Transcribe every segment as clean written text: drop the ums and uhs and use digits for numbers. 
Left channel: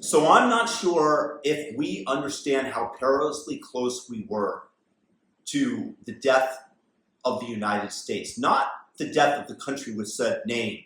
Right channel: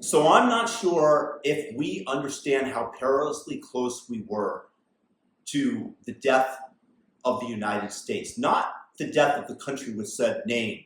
So I'm not sure if we understand how perilously close we were to the death of the United States. Not the death of the country with said name,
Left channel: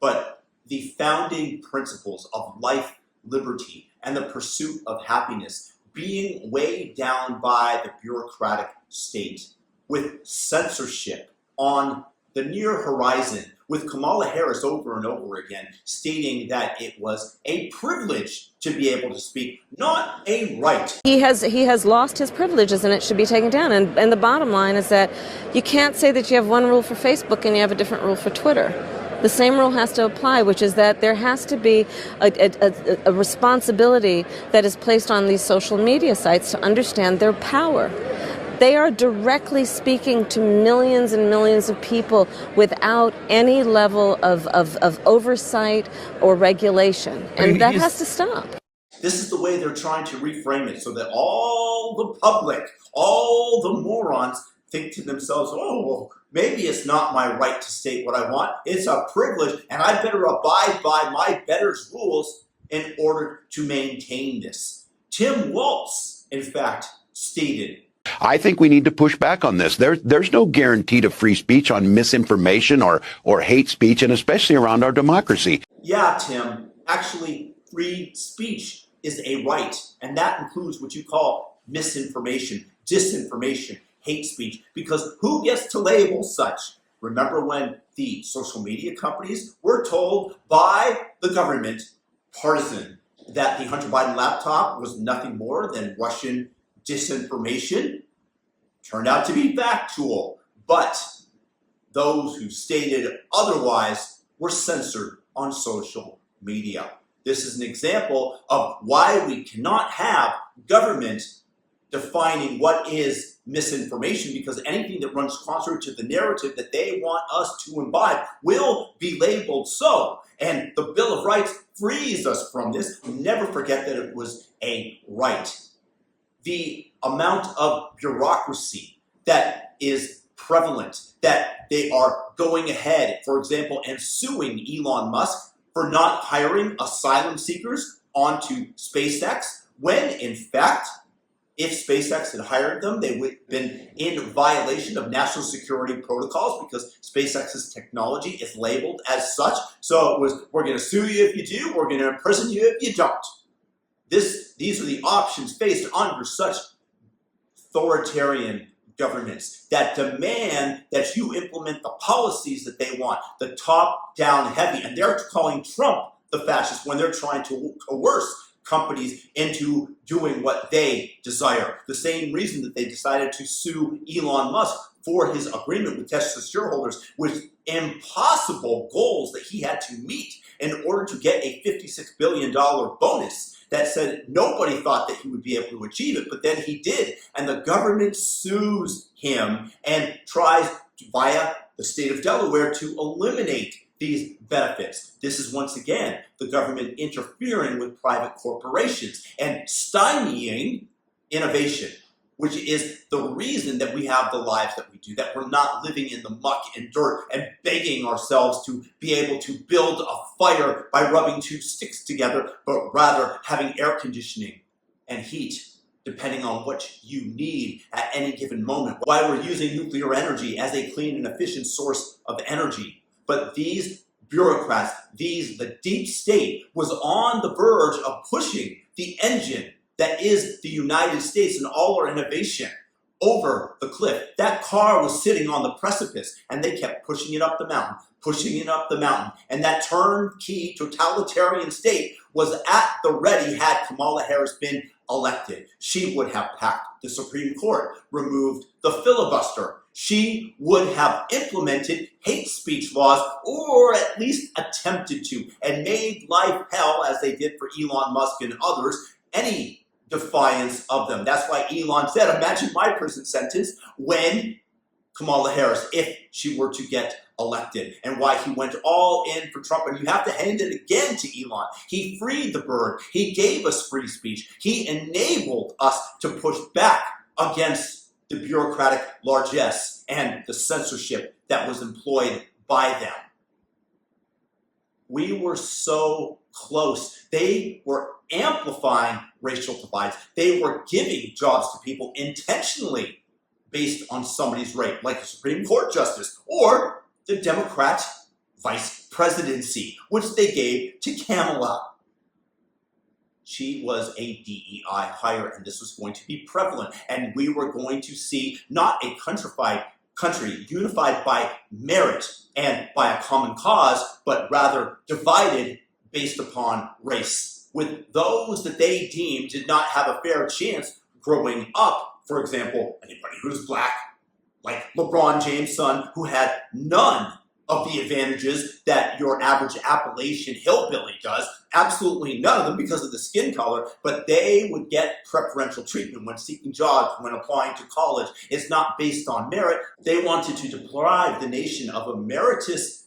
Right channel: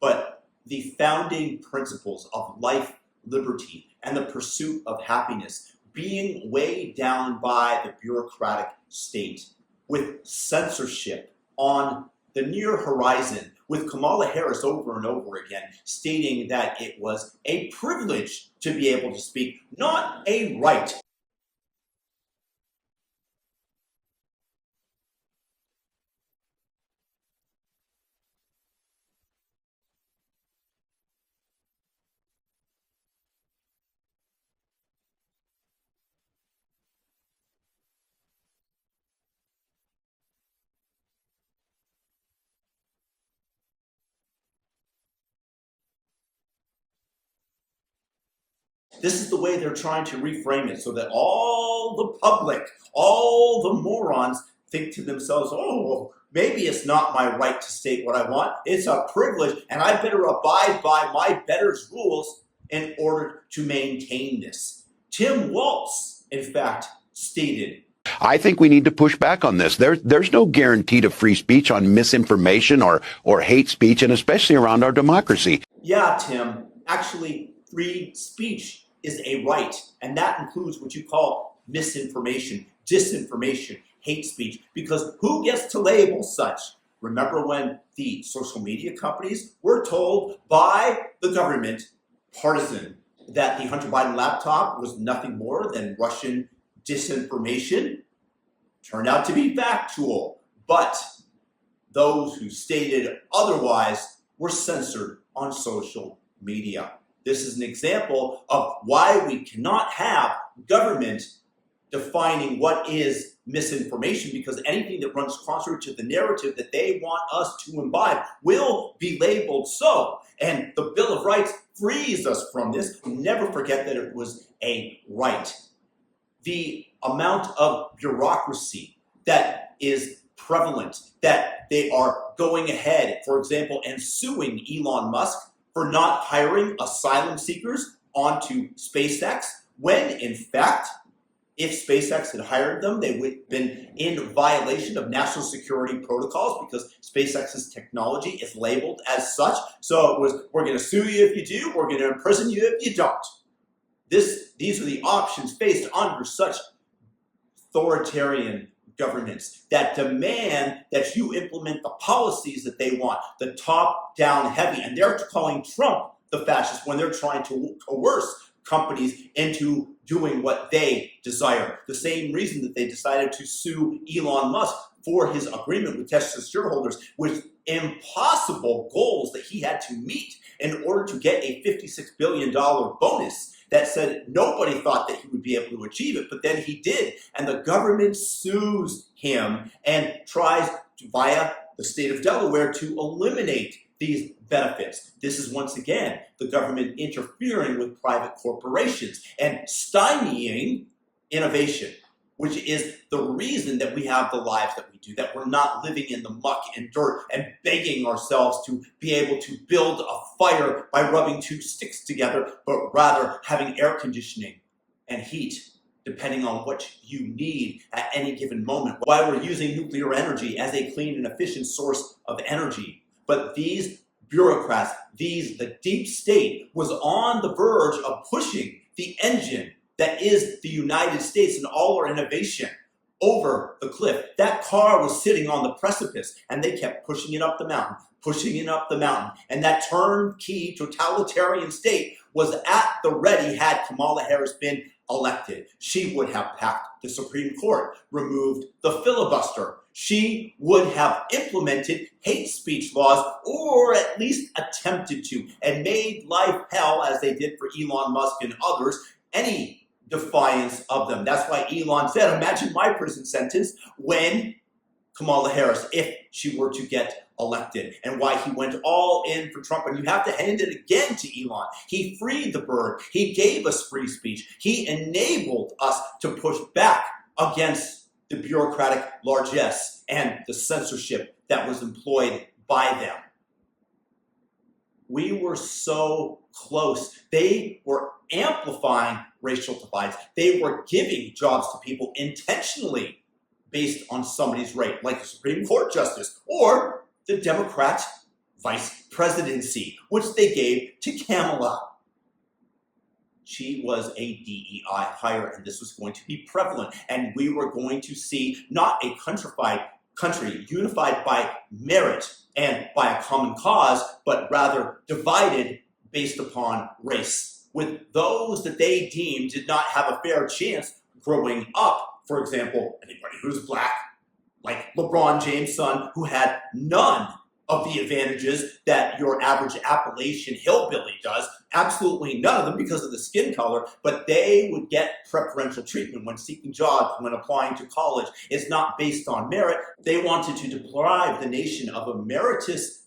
but the founding principles of life, liberty, and the pursuit of happiness being weighed down by the bureaucratic state with censorship on the near horizon, with Kamala Harris over and over again stating that it was a privilege to be able to speak, not a right. He has lost his privileges, and it should be taken down. And the bottom line is that you can't say that you have one rule for Facebook and you have a different rule for Twitter. The same rule has to apply, which is that there has to be a responsibility that is placed on these social media sites to understand their power. They are directly speaking to millions and millions of people without any level of oversight or regulation. And that has to stop. This is the way they're trying to reframe it so that all the public, all the morons think to themselves, oh, well, maybe it's not my right to state what I want. It's a privilege, and I better abide by my betters rules in order to maintain this. Tim Walz, in fact, stated, I think we need to push back on this. There's no guarantee to free speech on misinformation or hate speech, and especially around our democracy. Yeah, Tim, actually, free speech is a right, and that includes what you call misinformation, disinformation, hate speech, because who gets to label such? Remember when the social media companies were told by the government, partisan, that the Hunter Biden laptop was nothing more than Russian disinformation? Turned out to be factual, but those who stated otherwise were censored on social media. This is an example of why we cannot have government defining what is misinformation, because anything that runs contrary to the narrative that they want us to imbibe will be labeled so. And the Bill of Rights frees us from this. Never forget that it was a right. The amount of bureaucracy that is prevalent, that they are going ahead, for example, and suing Elon Musk for not hiring asylum seekers onto SpaceX, when in fact, if SpaceX had hired them, they would have been in violation of national security protocols because SpaceX's technology is labeled as such. So it was, we're going to sue you if you do, we're going to imprison you if you don't. These are the options faced under such authoritarian governments that demand that you implement the policies that they want, the top-down heavy. And they're calling Trump the fascist when they're trying to coerce companies into doing what they desire. The same reason that they decided to sue Elon Musk for his agreement with Tesla shareholders, with impossible goals that he had to meet in order to get a $56 billion bonus that said nobody thought that he would be able to achieve it, but then he did. And the government sues him and tries to, via the state of Delaware, to eliminate these benefits. This is once again the government interfering with private corporations and stymieing innovation, which is the reason that we have the lives that we do, that we're not living in the muck and dirt and begging ourselves to be able to build a fire by rubbing two sticks together, but rather having air conditioning and heat depending on what you need at any given moment. Why we're using nuclear energy as a clean and efficient source of energy. But these bureaucrats, the deep state, was on the verge of pushing the engine that is the United States and all our innovation over the cliff. That car was sitting on the precipice, and they kept pushing it up the mountain, pushing it up the mountain. And that turnkey totalitarian state was at the ready had Kamala Harris been elected. She would have packed the Supreme Court, removed the filibuster. She would have implemented hate speech laws, or at least attempted to, and made life hell, as they did for Elon Musk and others, any defiance of them. That's why Elon said, imagine my prison sentence when Kamala Harris, if she were to get elected, and why he went all in for Trump. And you have to hand it again to Elon. He freed the bird. He gave us free speech. He enabled us to push back against the bureaucratic largesse and the censorship that was employed by them. We were so close. They were amplifying racial divides. They were giving jobs to people intentionally based on somebody's race, like the Supreme Court justice or the Democrat vice presidency, which they gave to Kamala. She was a DEI hire, and this was going to be prevalent. And we were going to see not a country unified by merit and by a common cause, but rather divided based upon race, with those that they deemed did not have a fair chance growing up. For example, anybody who's black, like LeBron James' son, who had none of the advantages that your average Appalachian hillbilly does, absolutely none of them because of the skin color, but they would get preferential treatment when seeking jobs, when applying to college. It's not based on merit. They wanted to deprive the nation of a meritorious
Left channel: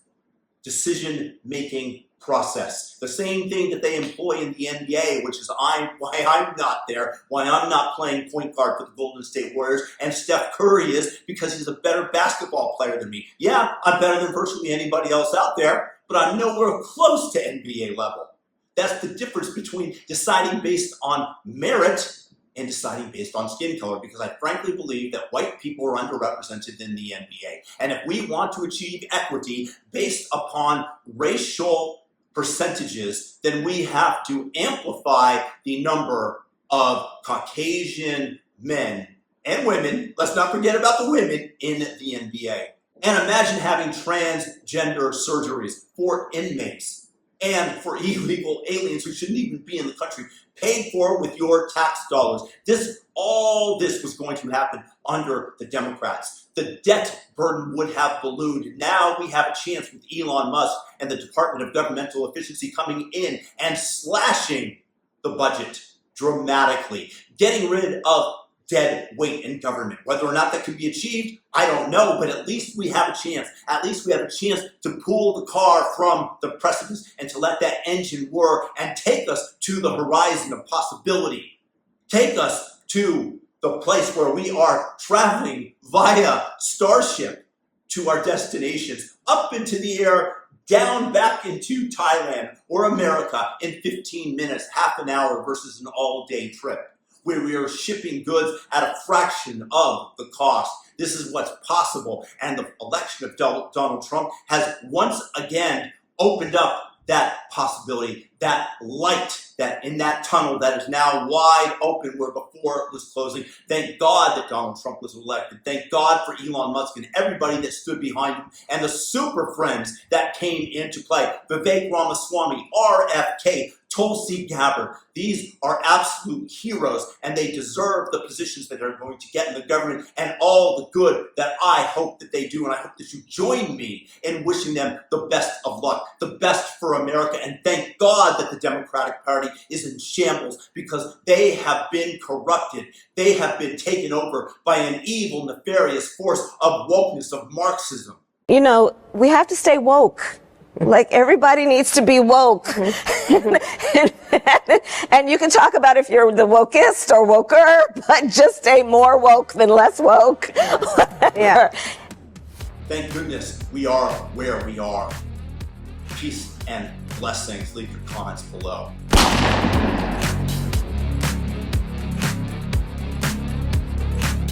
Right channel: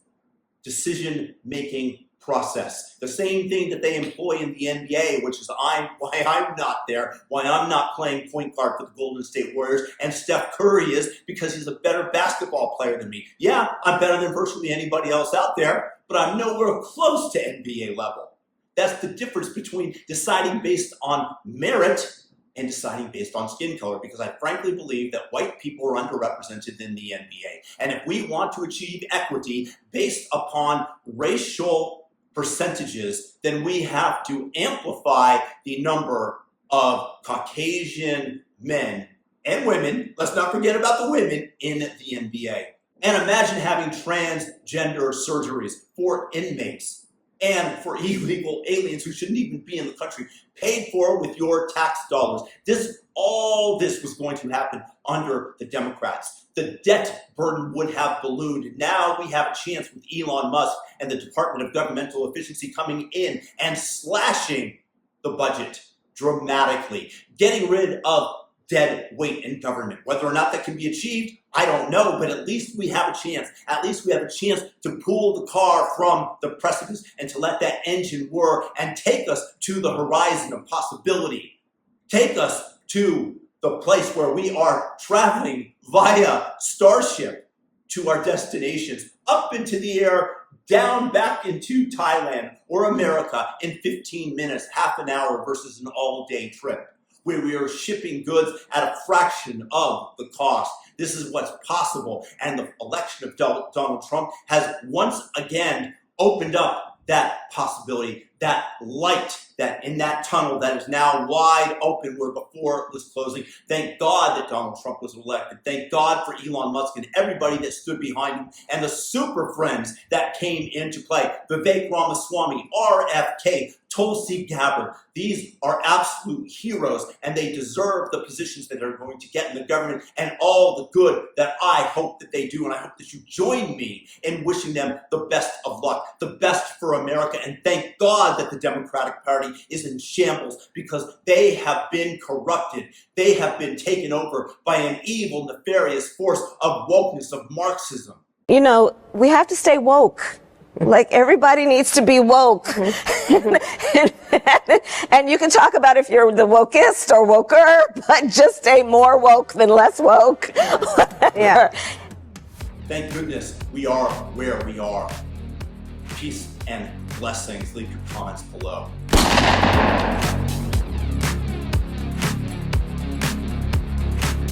decision-making process. The same thing that they employ in the NBA, which is why I'm not there, why I'm not playing point guard for the Golden State Warriors, and Steph Curry is because he's a better basketball player than me. Yeah, I'm better than virtually anybody else out there, but I'm nowhere close to NBA level. That's the difference between deciding based on merit and deciding based on skin color, because I frankly believe that white people are underrepresented in the NBA. And if we want to achieve equity based upon racial percentages, then we have to amplify the number of Caucasian men and women, let's not forget about the women, in the NBA. And imagine having transgender surgeries for inmates and for illegal aliens who shouldn't even be in the country, paid for with your tax dollars. All this was going to happen under the Democrats. The debt burden would have ballooned. Now we have a chance with Elon Musk and the Department of Governmental Efficiency coming in and slashing the budget dramatically, getting rid of dead weight in government. Whether or not that can be achieved, I don't know, but at least we have a chance. At least we have a chance to pull the car from the precipice and to let that engine whir and take us to the horizon of possibility. Take us to the place where we are traveling via Starship to our destinations, up into the air, down back into Thailand or America in 15 minutes, half an hour versus an all-day trip, where we are shipping goods at a fraction of the cost. This is what's possible. And the election of Donald Trump has once again opened up that possibility, that light that in that tunnel that is now wide open where before it was closing. Thank God that Donald Trump was elected. Thank God for Elon Musk and everybody that stood behind him and the super friends that came into play. Vivek Ramaswamy, RFK, Tulsi Gabbard. These are absolute heroes, and they deserve the positions that they're going to get in the government and all the good that I hope that they do. And I hope that you join me in wishing them the best of luck, the best for America. And thank God that the Democratic Party is in shambles, because they have been corrupted. They have been taken over by an evil, nefarious force of wokeness, of Marxism. You know, we have to stay woke. Like, everybody needs to be woke. and you can talk about if you're the wokest or woker, but just stay more woke than less woke. Yeah. Thank goodness we are where we are. Peace and blessings. Leave your comments below.